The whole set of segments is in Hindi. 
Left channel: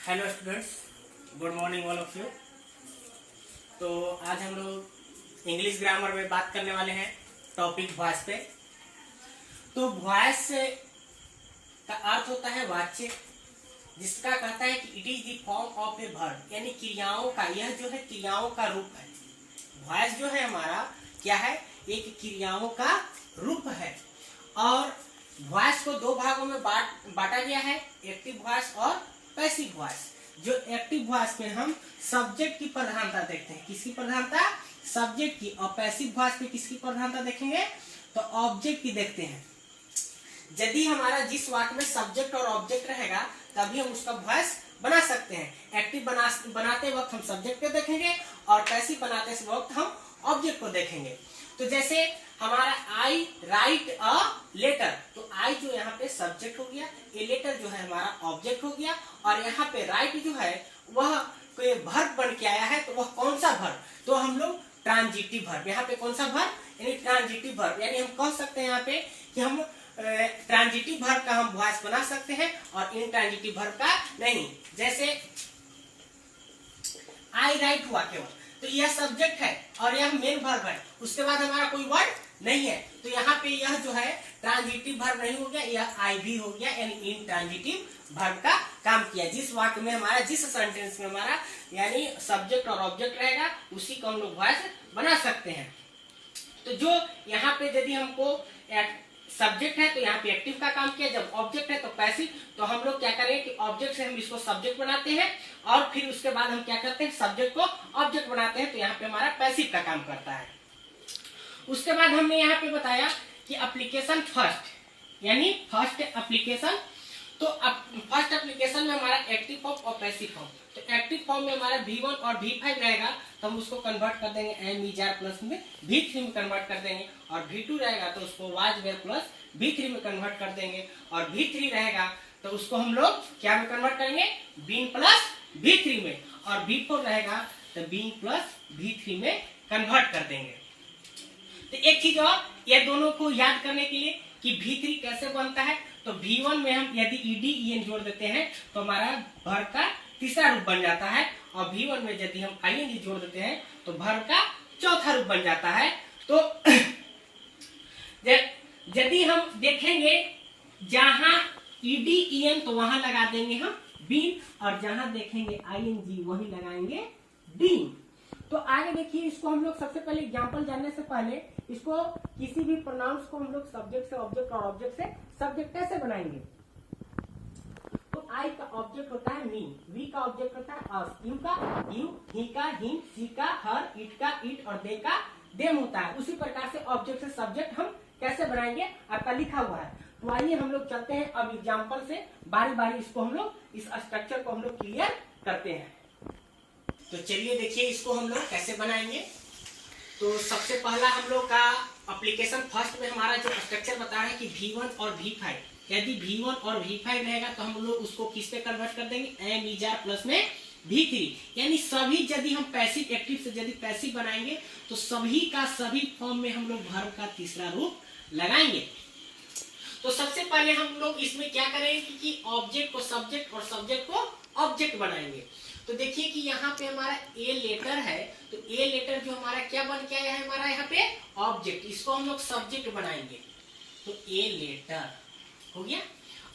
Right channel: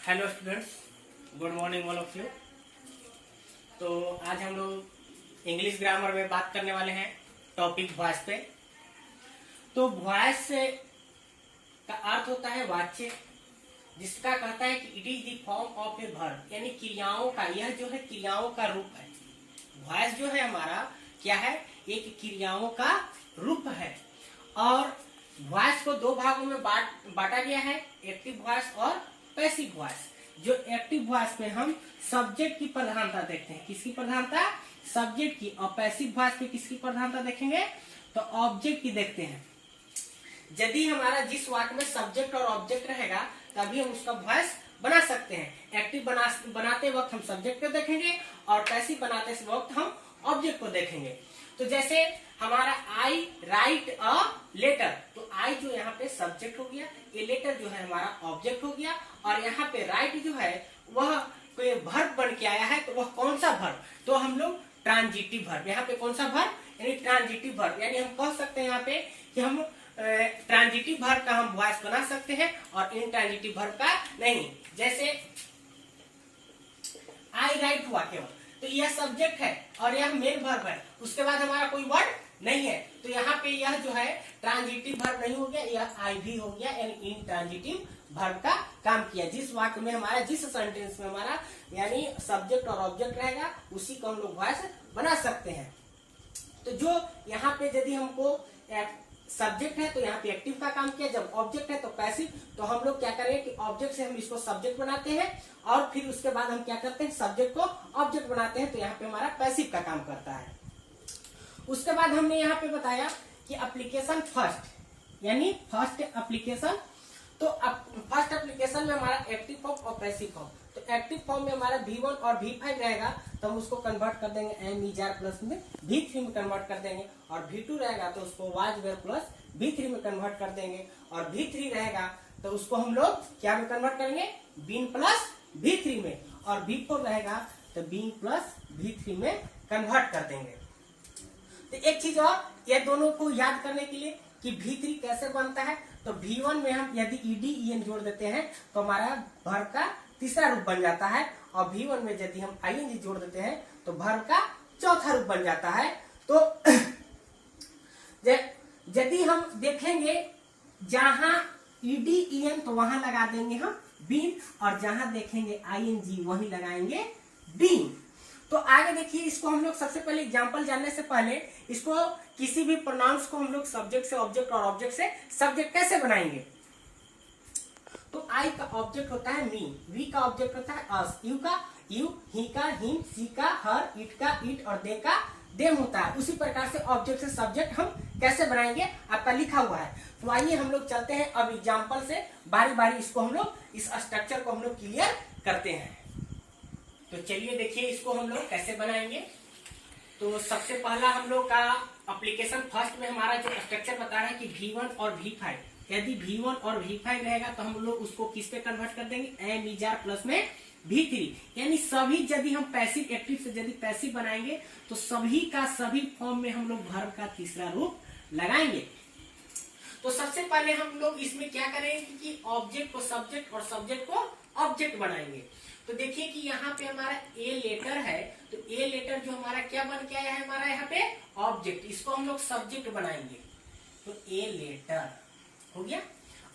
Hello students, good morning all of you. तो आज हम लोग इंग्लिश ग्रामर में बात करने वाले हैं टॉपिक वॉइस पे। तो वॉइस का अर्थ होता है वाच्य, जिसका कहता है कि it is the form of a verb, यानी क्रियाओं का, यह जो है क्रियाओं का रूप है। वॉइस जो है हमारा क्या है, एक क्रियाओं का रूप है। और वॉइस को दो भागों में बांटा गया है, एक्टिव वॉइस और पैसिव वॉइस। जो एक्टिव वॉइस में हम सब्जेक्ट की प्रधानता देखते हैं, किसकी प्रधानता, सब्जेक्ट की। और पैसिव वॉइस पे किसकी प्रधानता देखेंगे, तो ऑब्जेक्ट की देखते हैं। यदि हमारा जिस वाक्य में सब्जेक्ट और ऑब्जेक्ट रहेगा तभी हम उसका वॉइस बना सकते हैं। एक्टिव बनाते वक्त हम सब्जेक्ट को देखेंगे और पैसिव बनाते वक्त हम ऑब्जेक्ट को देखेंगे। तो जैसे हमारा आई राइट अ लेटर, तो आई जो यहाँ पे सब्जेक्ट हो गया, ए लेटर जो है हमारा ऑब्जेक्ट हो गया। और यहाँ पे राइट जो है वह कोई वर्ब बन के आया है, तो वह कौन सा वर्ब, तो हम लोग ट्रांजिटिव वर्ब। यहाँ पे कौन सा वर्ब, यानी ट्रांजिटिव वर्ब। यानी हम कह सकते हैं यहाँ पे कि हम ट्रांजिटिव वर्ब का हम वॉइस बना सकते हैं और इनट्रांजिटिव वर्ब का नहीं। जैसे आई राइट हुआ केवल, तो यह सब्जेक्ट है और यह मेन वर्ब है, उसके बाद हमारा कोई वर्ड नहीं है, तो यहाँ पे यह जो है ट्रांजिटिव वर्ब नहीं हो गया, यह आई भी हो गया, यानी इनट्रांजिटिव वर्ब का काम किया। जिस वाक्य में हमारा, जिस सेंटेंस में हमारा यानी सब्जेक्ट और ऑब्जेक्ट रहेगा, उसी को हम लोग वॉइस बना सकते हैं। तो जो यहाँ पे यदि हमको सब्जेक्ट है तो यहाँ पे एक्टिव का काम किया, जब ऑब्जेक्ट है तो पैसिव। तो हम लोग क्या करें कि ऑब्जेक्ट से हम इसको सब्जेक्ट बनाते हैं और फिर उसके बाद हम क्या करते हैं, सब्जेक्ट को ऑब्जेक्ट बनाते हैं, तो यहाँ पे हमारा पैसिव का काम करता है। उसके बाद हमने यहाँ पे बताया कि एप्लीकेशन फर्स्ट, यानी फर्स्ट एप्लीकेशन। तो फर्स्ट एप्लीकेशन में हमारा एक्टिव फॉर्म और पैसिव फॉर्म। तो एक्टिव फॉर्म में हमारा V1 और V5 रहेगा, तो हम उसको कन्वर्ट कर देंगे एम इजार प्लस में V3 में कन्वर्ट कर देंगे। और V2 रहेगा तो उसको वाज वेयर प्लस V3 में कन्वर्ट कर देंगे। और V3 रहेगा तो उसको हम लोग क्या में कन्वर्ट करेंगे, बीन प्लस V3 में। और V4 रहेगा तो बीन प्लस V3 में कन्वर्ट कर देंगे। तो एक चीज और, ये दोनों को याद करने के लिए कि V3 कैसे बनता है, तो V1 में हम यदि ED जोड़ देते हैं तो हमारा वर्ब का तीसरा रूप बन जाता है। और V1 में यदि हम ING जोड़ देते हैं तो वर्ब का चौथा रूप बन जाता है। तो यदि हम देखेंगे जहां ED तो वहां लगा देंगे हम बीन, और जहां देखेंगे ING वहीं लगाएंगे बीन। तो आगे देखिए, इसको हम लोग सबसे पहले एग्जांपल जानने से पहले इसको किसी भी प्रोनाउंस को हम लोग सब्जेक्ट से ऑब्जेक्ट और ऑब्जेक्ट से सब्जेक्ट कैसे बनाएंगे। तो आई का ऑब्जेक्ट होता है मी, वी का ऑब्जेक्ट होता है अस, यू का यू, ही का हिम, सी का हर, इट का इट और दे का देम होता है। उसी प्रकार से ऑब्जेक्ट से सब्जेक्ट हम कैसे बनाएंगे आपका लिखा हुआ है। तो आइए हम लोग चलते हैं अब एग्जाम्पल से, बारी बारी इसको हम लोग, इस स्ट्रक्चर को हम लोग क्लियर करते हैं। तो चलिए देखिए इसको हम लोग कैसे बनाएंगे। तो सबसे पहला हम लोग का एप्लीकेशन फर्स्ट में हमारा जो स्ट्रक्चर बता रहा है कि V1 और V5, यदि V1 और V5 रहेगा तो हम लोग उसको किस पे कन्वर्ट कर देंगे, एम इजार प्लस में V3। यानी सभी, यदि हम पैसिव एक्टिव से यदि पैसिव बनाएंगे तो सभी का सभी फॉर्म में हम लोग वर्ब का तीसरा रूप लगाएंगे। तो सबसे पहले हम लोग इसमें क्या करेंगे कि ऑब्जेक्ट को सब्जेक्ट और सब्जेक्ट को ऑब्जेक्ट बनाएंगे। तो देखिए कि यहाँ पे हमारा ए लेटर है, तो ए लेटर जो हमारा क्या बन के आया है, हमारा यहाँ पे ऑब्जेक्ट, इसको हम लोग सब्जेक्ट बनाएंगे। तो ए लेटर हो गया।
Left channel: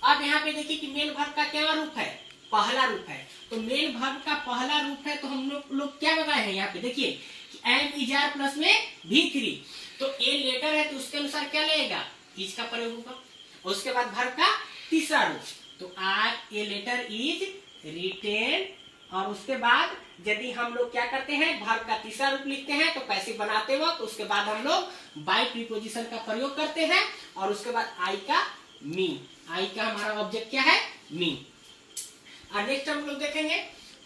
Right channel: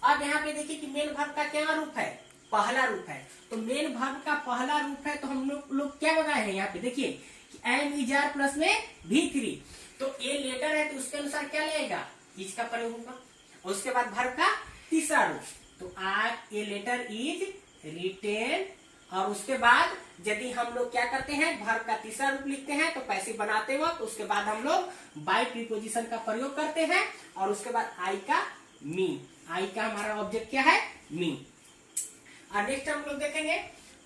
अब यहाँ पे देखिए कि मेन वर्ब का क्या रूप है, पहला रूप है। तो मेन वर्ब का पहला रूप है, तो हम लोग क्या बनाए हैं यहाँ पे देखिए कि एम इजार प्लस में V3। तो ए लेटर है तो उसके अनुसार क्या लगेगा, इज का प्रयोग होगा। उसके बाद वर्ब का तीसरा रूप, तो आई ए लेटर इज रिटेन। और उसके बाद यदि हम लोग क्या करते हैं, वर्ब का तीसरा रूप लिखते हैं तो पैसिव बनाते वक्त उसके बाद हम लोग बाय प्रीपोजिशन का प्रयोग करते हैं। और उसके बाद आई का मी, आई का हमारा ऑब्जेक्ट क्या है, मी। और नेक्स्ट हम लोग देखेंगे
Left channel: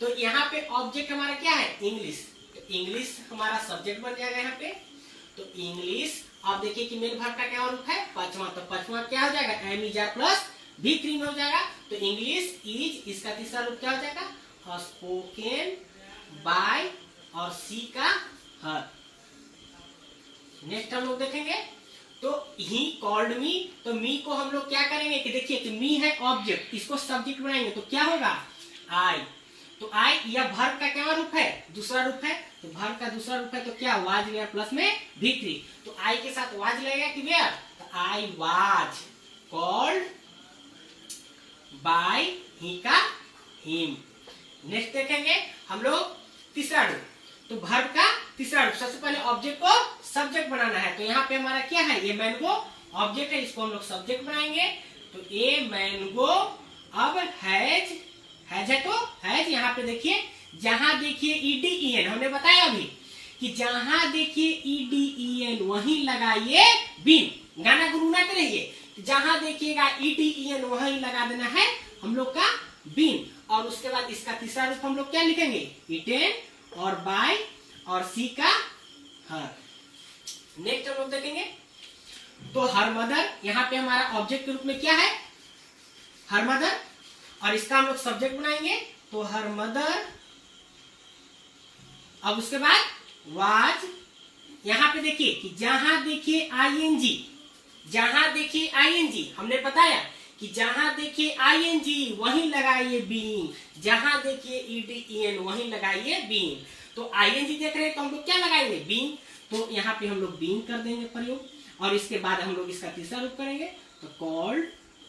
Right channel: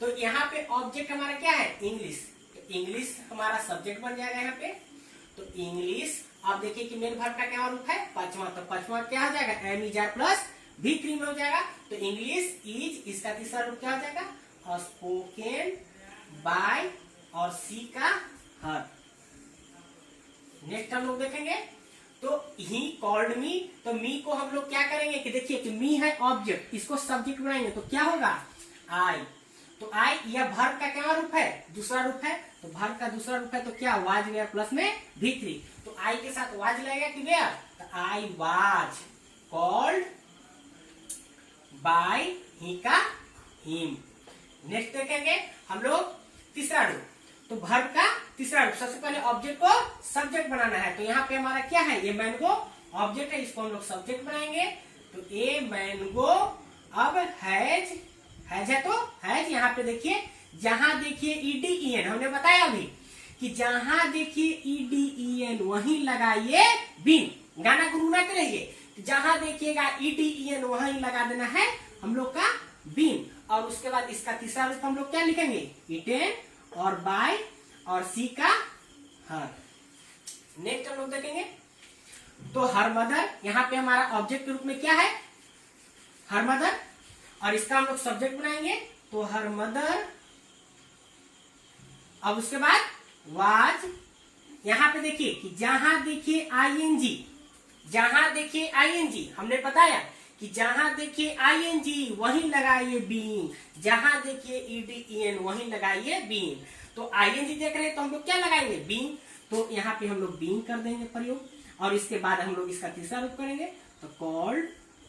तो यहाँ पे ऑब्जेक्ट हमारा क्या है, इंग्लिश। तो इंग्लिश हमारा सब्जेक्ट बन जाएगा यहाँ पे। तो इंग्लिश, आप देखिए कि मेन वर्ब का क्या रूप है, पांचवा। तो पांचवा क्या हो जाएगा, एम इजार प्लस V3 में हो जाएगा। तो इंग्लिश इज, इसका तीसरा रूप क्या हो जाएगा, स्पोकन बाय, और सी का हर। नेक्स्ट हम लोग देखेंगे तो ही कॉल्ड मी, तो मी को हम लोग क्या करेंगे कि देखिए कि मी है ऑब्जेक्ट, इसको सब्जेक्ट बनाएंगे तो क्या होगा, आई। तो आई यह वर्ब का क्या रूप है? दूसरा रूप है। तो वर्ब का दूसरा रूप है तो क्या? वाज वेयर प्लस में V3। तो आई के साथ वाज लगेगा कि वेयर? तो आई वाज कॉल्ड बाय ही का हिम। नेक्स्ट देखेंगे हम लोग तीसरा रूप। तो वर्ब का तीसरा रूप, सबसे पहले ऑब्जेक्ट को सब्जेक्ट बनाना है। तो यहाँ पे हमारा क्या है? ये मैंगो ऑब्जेक्ट है, इसको हम लोग सब्जेक्ट बनाएंगे। तो ए मैंगो अब हैज है तो हैज। यहाँ पे देखिए, जहां देखिए EDEN, हमने बताया अभी कि जहां देखिए EDEN वहीं लगाइए बीन। गाना गुनगुनाते रहिए। जहां देखिएगा EDEN वहीं लगा देना है हम लोग का बीन। और उसके बाद इसका तीसरा रूप हम लोग क्या लिखेंगे? इटेन और बाय और सी का हर। नेक्स्ट हम लोग देखेंगे तो हर मदर, यहाँ पे हमारा ऑब्जेक्ट के रूप में क्या है? Her mother. और इसका हम लोग सब्जेक्ट बनाएंगे। तो हर मदर, अब उसके बाद वाज। यहां पे देखिए कि जहां देखिए ING, जहां देखिए ING, हमने बताया कि जहां देखिए ING वहीं लगाइए बीन, जहां देखिए EDEN वहीं लगाइए बीन। तो ING देख रहे हैं तो हम लोग क्या लगाएंगे? बीन। तो यहाँ पे हम लोग बीन कर देंगे प्रयोग। और इसके बाद हम लोग इसका तीसरा रूप करेंगे। तो कॉल्ड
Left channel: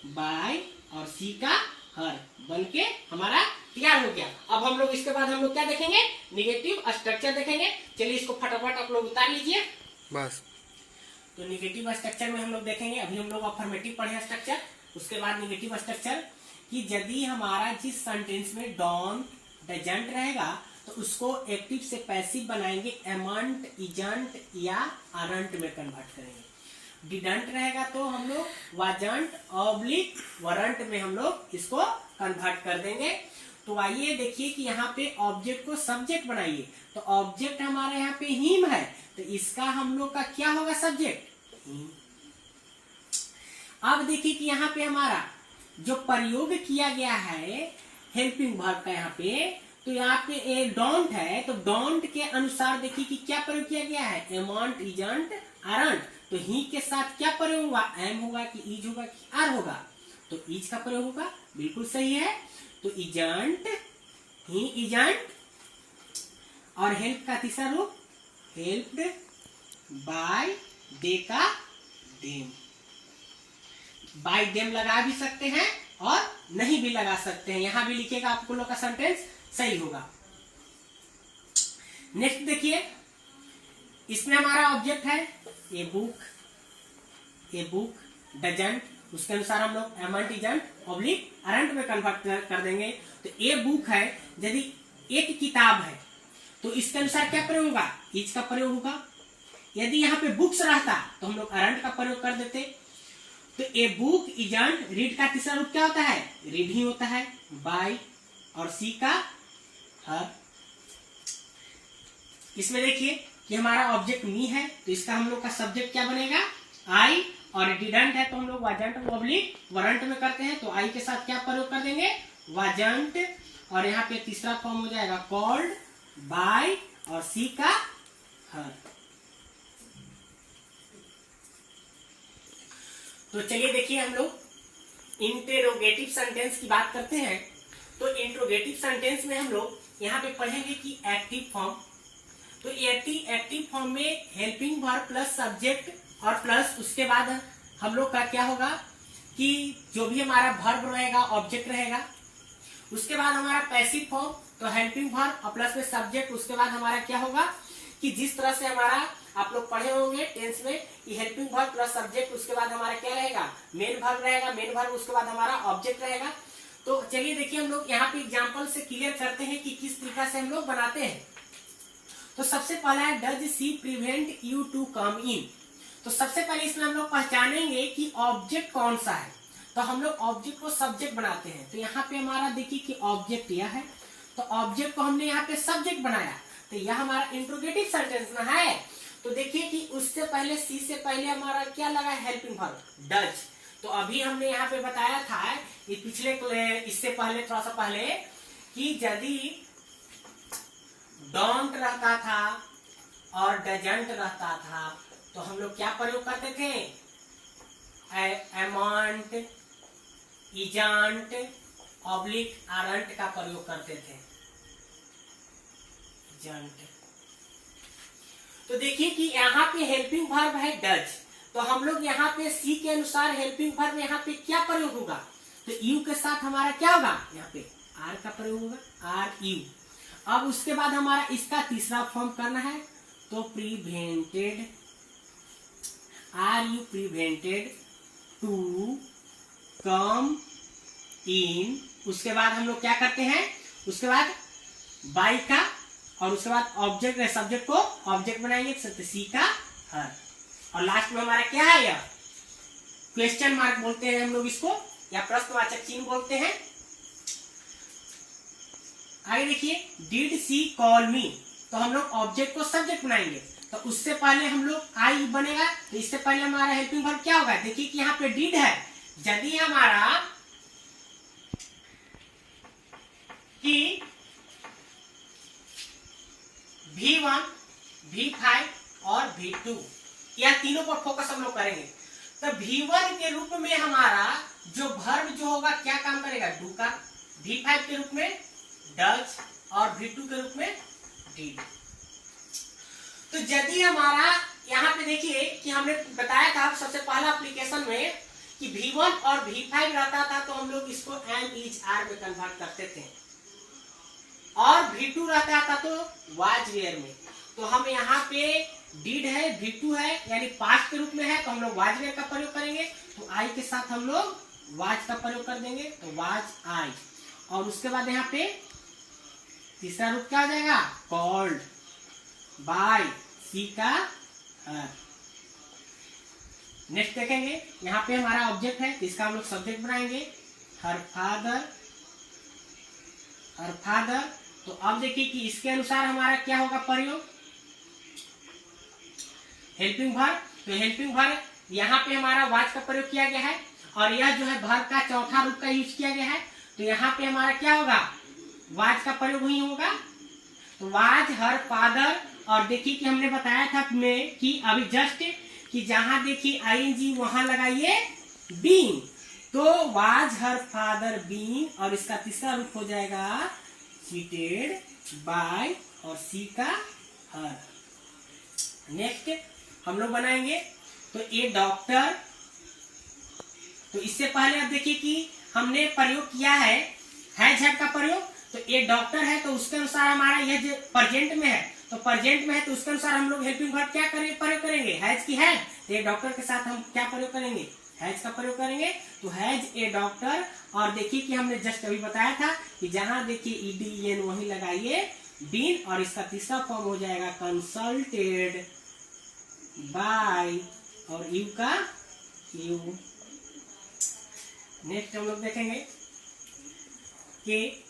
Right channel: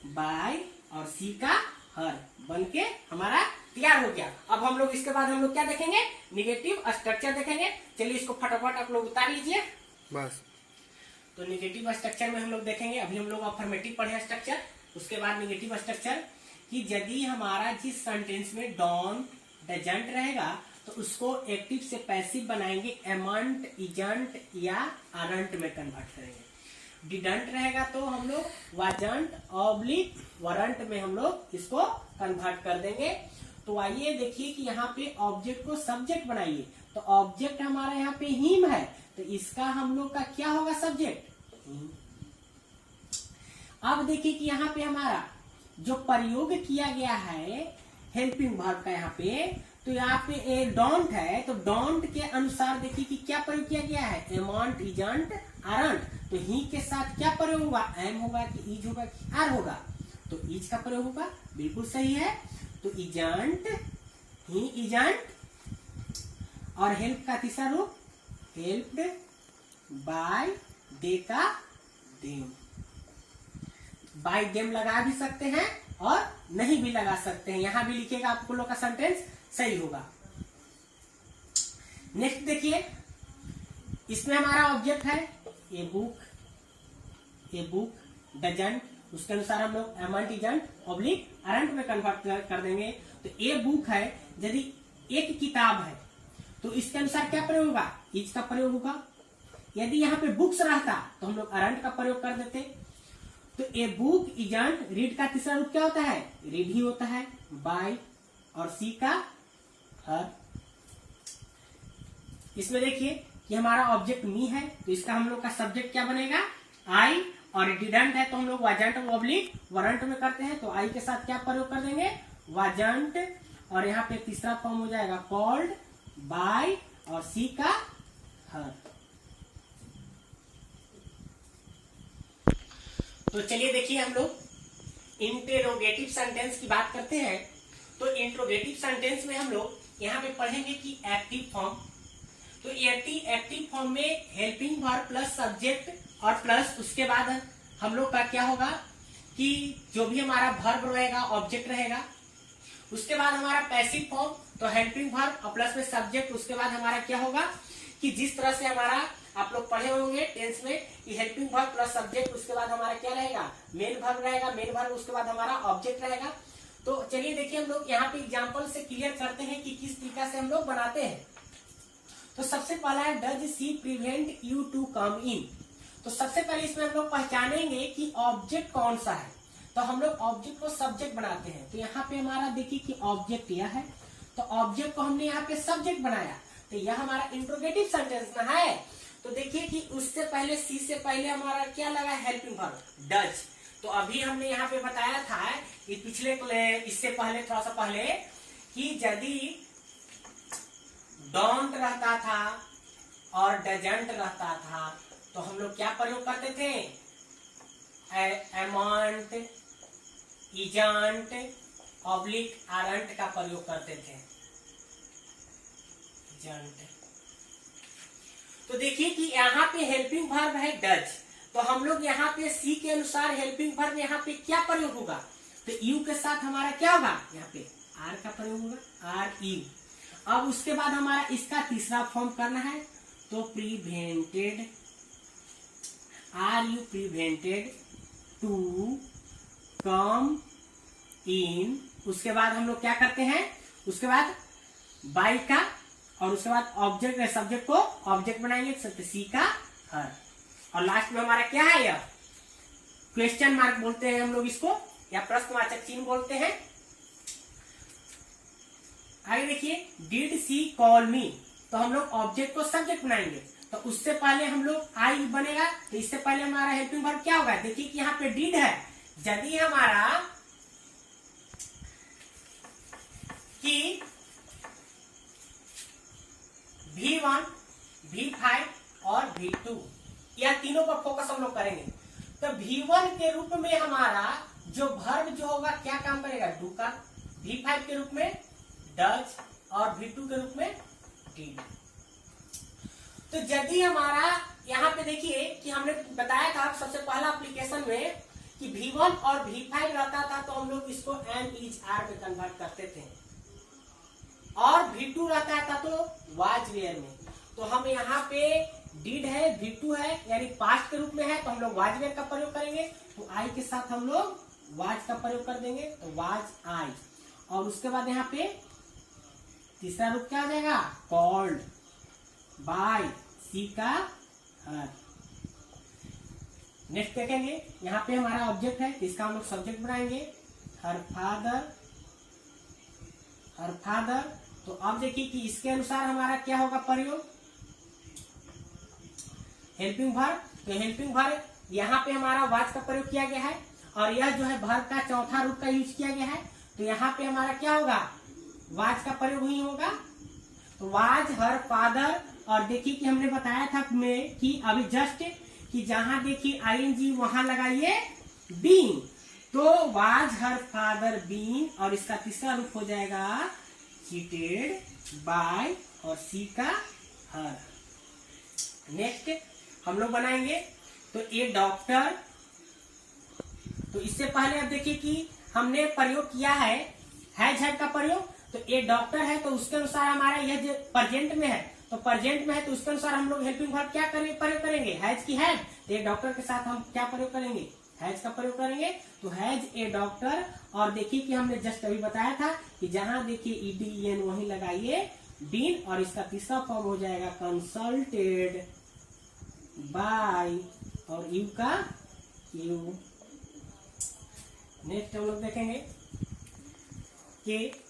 बाय और सी का हर बन के हमारा तैयार हो गया। अब हम लोग इसके बाद हम लोग क्या देखेंगे? निगेटिव स्ट्रक्चर देखेंगे। चलिए इसको फटाफट आप लोग उतार लीजिए बस। तो निगेटिव स्ट्रक्चर में हम लोग देखेंगे, अभी हम लोग अफर्मेटिव पढ़े स्ट्रक्चर, उसके बाद निगेटिव स्ट्रक्चर, कि यदि हमारा जिस सेंटेंस में डोंट डजंट रहेगा तो उसको एक्टिव से पैसिव बनाएंगे, एमंट, इजंट या आरंट में कन्वर्ट करेंगे। डिडंट रहेगा तो हम लोग वाजंट ऑब्लिक वरंट में हम लोग इसको कन्वर्ट कर देंगे। तो आइए देखिए कि यहाँ पे ऑब्जेक्ट को सब्जेक्ट बनाइए। तो ऑब्जेक्ट हमारा यहाँ पे हिम है, तो इसका हम लोग का क्या होगा? Subject him. अब देखिए कि यहाँ पे हमारा जो प्रयोग किया गया है हेल्पिंग वर्ब का, यहाँ पे तो यहाँ पे एक डोंट है, तो डोंट के अनुसार देखिए कि क्या प्रयोग किया गया है? एमंट, इजंट, आरंट। तो ही के साथ क्या प्रयोग होगा? एम होगा कि इज होगा कि आर होगा? तो इज का प्रयोग होगा, बिल्कुल सही है। तो इजंट, ही इजंट, और हेल्प का तीसरा रूप हेल्प्ड बाय दे का देम। बाय देम लगा भी सकते हैं और नहीं भी लगा सकते हैं, यहां भी लिखेगा आपको लोग का सेंटेंस सही होगा। नेक्स्ट देखिए, इसमें हमारा ऑब्जेक्ट है a book, a book doesn't, उसके अनुसार हम लोग एमंट, इजंट, ऑब्लिक अरंट में कन्वर्ट कर देंगे। तो ए बुक है, यदि एक किताब है तो इसके अनुसार क्या प्रयोग होगा? इज का प्रयोग होगा। यदि यहाँ पे बुक्स रहता तो हम लोग अरंट का प्रयोग कर देते। तो ए बुक इजंट, रीड का तीसरा रूप क्या होता है? रीड ही होता है, बाय और सी का हर। इसमें देखिए कि हमारा ऑब्जेक्ट मी है, तो इसका हम लोग का सब्जेक्ट क्या बनेगा? आई। और डिडंट है तो हम लोग वाजंट ऑब्लिक वरंट में करते हैं। तो आई के साथ क्या प्रयोग कर देंगे? वाजंट। और यहाँ पे तीसरा फॉर्म हो जाएगा कॉल्ड बाय और सी का हर। तो चलिए देखिए हम लोग इंटेरोगेटिव सेंटेंस की बात करते हैं। तो इंट्रोगेटिव सेंटेंस में हम लोग यहाँ पे पढ़ेंगे कि एक्टिव फॉर्म। तो एक्टिव फॉर्म में हेल्पिंग वर्ब प्लस सब्जेक्ट और प्लस उसके बाद हम लोग का क्या होगा कि जो भी हमारा वर्ब रहेगा ऑब्जेक्ट रहेगा। उसके बाद हमारा पैसिव फॉर्म, तो हेल्पिंग वर्ब और प्लस में सब्जेक्ट, उसके बाद हमारा क्या होगा कि जिस तरह से हमारा आप लोग पढ़े होंगे टेंस में कि हेल्पिंग वर्ब प्लस सब्जेक्ट, उसके बाद हमारा क्या रहेगा? मेन वर्ब रहेगा, मेन वर्ब उसके बाद हमारा ऑब्जेक्ट रहेगा। तो चलिए देखिए हम लोग यहाँ पे एग्जांपल से क्लियर करते हैं कि किस तरीका से हम लोग बनाते हैं। तो सबसे पहला है does she prevent you to come in. तो सबसे पहले इसमें हम लोग पहचानेंगे कि ऑब्जेक्ट कौन सा है। तो हम लोग ऑब्जेक्ट को सब्जेक्ट बनाते हैं। तो यहाँ पे हमारा देखिए कि ऑब्जेक्ट यह है, तो ऑब्जेक्ट को हमने यहाँ पे सब्जेक्ट बनाया। तो यह हमारा इंट्रोगेटिव सेंटेंस ना है। तो देखिए कि उससे पहले सी से पहले हमारा क्या लगा? Helping verb does. तो अभी हमने यहाँ पे बताया था कि पिछले इससे पहले थोड़ा सा पहले कि यदि डोंट रहता था और डजंट रहता था तो हम लोग क्या प्रयोग करते थे? एमंट, इजंट, ऑब्लिक आरंट का प्रयोग करते थे। जंट। तो देखिए कि यहाँ पे हेल्पिंग वर्ब है डज, तो हम लोग यहाँ पे सी के अनुसार हेल्पिंग वर्ब में यहाँ पे क्या प्रयोग होगा, तो यू के साथ हमारा क्या होगा, यहाँ पे आर का प्रयोग होगा, आर यू। अब उसके बाद हमारा इसका तीसरा फॉर्म करना है, तो prevented, are you prevented to come in. उसके बाद हम लोग क्या करते हैं, उसके बाद बाई का, और उसके बाद ऑब्जेक्ट सब्जेक्ट को ऑब्जेक्ट बनाएंगे, सी का हर, और लास्ट में हमारा क्या है, यह क्वेश्चन मार्क बोलते हैं हम लोग इसको, या प्रश्नवाचक चिन्ह बोलते हैं। आगे देखिए, डिड सी कॉल मी, तो हम लोग ऑब्जेक्ट को सब्जेक्ट बनाएंगे, तो उससे पहले हम लोग आई बनेगा, तो इससे पहले हमारा हेल्पिंग वर्ब क्या होगा, देखिए कि यहाँ पे डिड है, यदि हमारा कि V1, V5 और V2 या तीनों पर फोकस हम लोग करेंगे। तो V1 के रूप में हमारा जो वर्ब जो होगा क्या काम करेगा, डू का, V5 के रूप में डज, और V2 के रूप में डिड। तो यदि हमारा यहाँ पे देखिए कि हमने बताया था सबसे पहला एप्लीकेशन में कि V1 और V5 रहता था, तो हम लोग इसको एम इज आर पे कन्वर्ट करते थे, और V2 रहता था तो वाज वेयर में। तो हम यहाँ पे डिड है, V2 है, यानी पास्ट के रूप में है, तो हम लोग वाज वेयर का प्रयोग करेंगे, तो आई के साथ हम लोग वाज का प्रयोग कर देंगे, तो वाज आई। और उसके बाद यहाँ पे तीसरा रूप क्या हो जाएगा, कॉल्ड बाय, सी का हर। नेक्स्ट देखेंगे, यहाँ पे हमारा ऑब्जेक्ट है, तो इसका हम लोग सब्जेक्ट बनाएंगे, हर फादर, हर फादर। तो अब देखिए कि इसके अनुसार हमारा क्या होगा प्रयोग, हेल्पिंग वर्ब। तो हेल्पिंग वर्ब यहाँ पे हमारा वाज का प्रयोग किया गया है, और यह जो है वर्ब का चौथा रूप का यूज किया गया है, तो यहाँ पे हमारा क्या होगा, वाज का प्रयोग ही होगा, तो वाज हर फादर। और देखिए कि हमने बताया था में कि अभी जस्ट कि जहां देखिए आईएनजी वहां लगाइए बीइंग, तो वाज हर फादर बीइंग, और इसका तीसरा रूप हो जाएगा चीटेड बाय, और सी का हर। नेक्स्ट हम लोग बनाएंगे, तो ए डॉक्टर। तो इससे पहले अब देखिए कि हमने प्रयोग किया है हैज का प्रयोग, तो ए डॉक्टर है, तो उसके अनुसार हमारा यह जो प्रेजेंट में है, तो प्रेजेंट में है, तो उसके अनुसार हम लोग हेल्पिंग वर्ब क्या करेंगे, प्रयोग करेंगे, हैज की हैज, तो ए डॉक्टर के साथ हम क्या प्रयोग करेंगे, हैज का प्रयोग करेंगे, तो हैज ए डॉक्टर। और देखिए कि हमने जस्ट अभी बताया था कि जहां देखिए ईडीएन वहीं लगाइए बीन, और इसका तीसरा फॉर्म हो जाएगा कंसल्टेड बाय, और यू का यू। नेक्स्ट हम लोग देखेंगे कि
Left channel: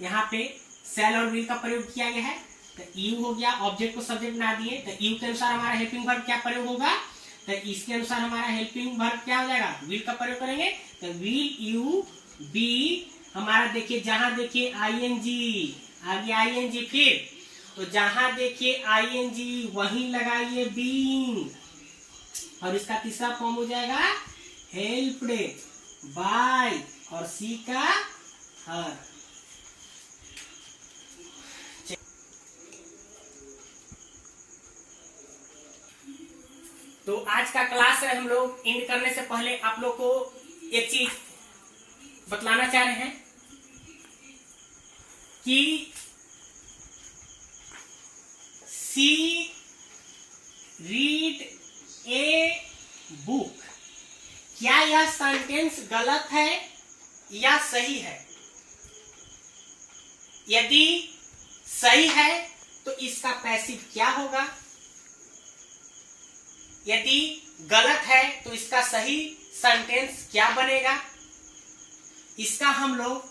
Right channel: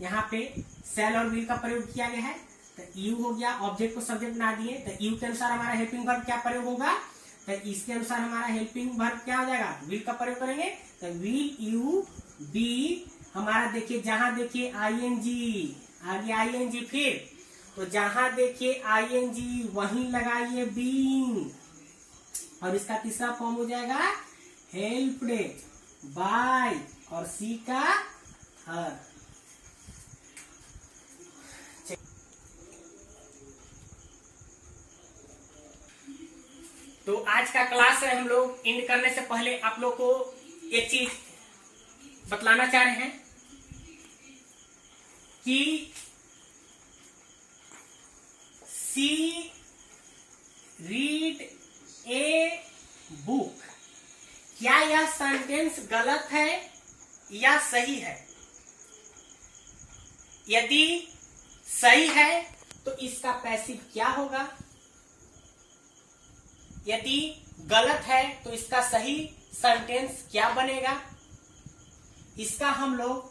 यहाँ पे सेल और विल का प्रयोग किया गया है, तो यू हो गया, ऑब्जेक्ट को सब्जेक्ट बना दिए, तो यू के अनुसार हमारा हेल्पिंग वर्ब क्या प्रयोग होगा, तो इसके अनुसार हमारा हेल्पिंग वर्ब क्या हो जाएगा, विल का प्रयोग करेंगे, तो विल यू बी। हमारा देखिए जहां देखिए आईएनजी आगे आईएनजी, फिर तो जहां देखिए आईएनजी वहीं लगाइए बीइंग, और इसका तीसरा फॉर्म हो जाएगा हेल्प्ड बाय, और सी का हर। तो आज का क्लास है, हम लोग एंड करने से पहले आप लोग को एक चीज बतलाना चाह रहे हैं कि सी रीड ए बुक, क्या यह सेंटेंस गलत है या सही है। यदि सही है तो इसका पैसिव क्या होगा, यदि गलत है तो इसका सही सेंटेंस क्या बनेगा, इसका हम लोग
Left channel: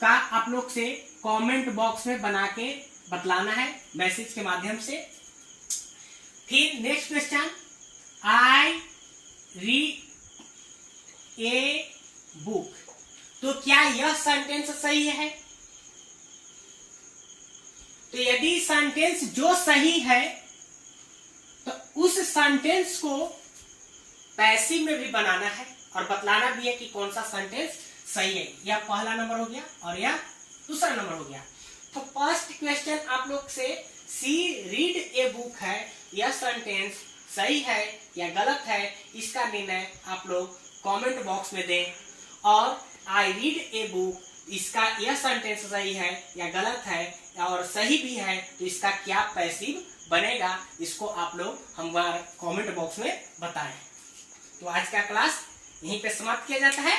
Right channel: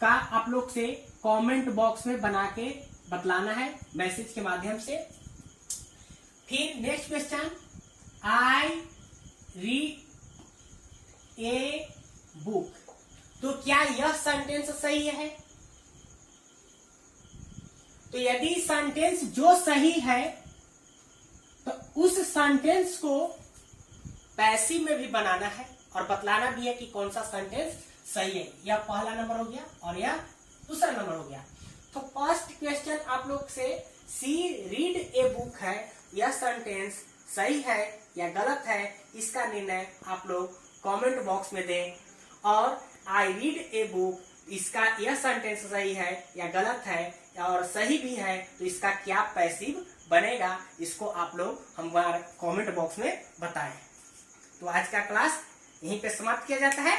का आप लोग से कमेंट बॉक्स में बना के बतलाना है मैसेज के माध्यम से। फिर next question, I read a book, तो क्या यह सेंटेंस सही है। तो यदि सेंटेंस जो सही है तो उस सेंटेंस को पैसिव में भी बनाना है और बतलाना भी है कि कौन सा सेंटेंस सही है। यह पहला नंबर हो गया और यह दूसरा नंबर हो गया। तो फर्स्ट क्वेश्चन आप लोग से, सी रीड ए बुक है, यह सेंटेंस सही है या गलत है, इसका निर्णय आप लोग कमेंट बॉक्स में दें। और आई रीड ए बुक, इसका यह सेंटेंस सही है या गलत है, और सही भी है तो इसका क्या पैसिव बनेगा, इसको आप लोग हमारे कमेंट बॉक्स में बताएं। तो आज का क्लास यहीं पे समाप्त किया जाता है।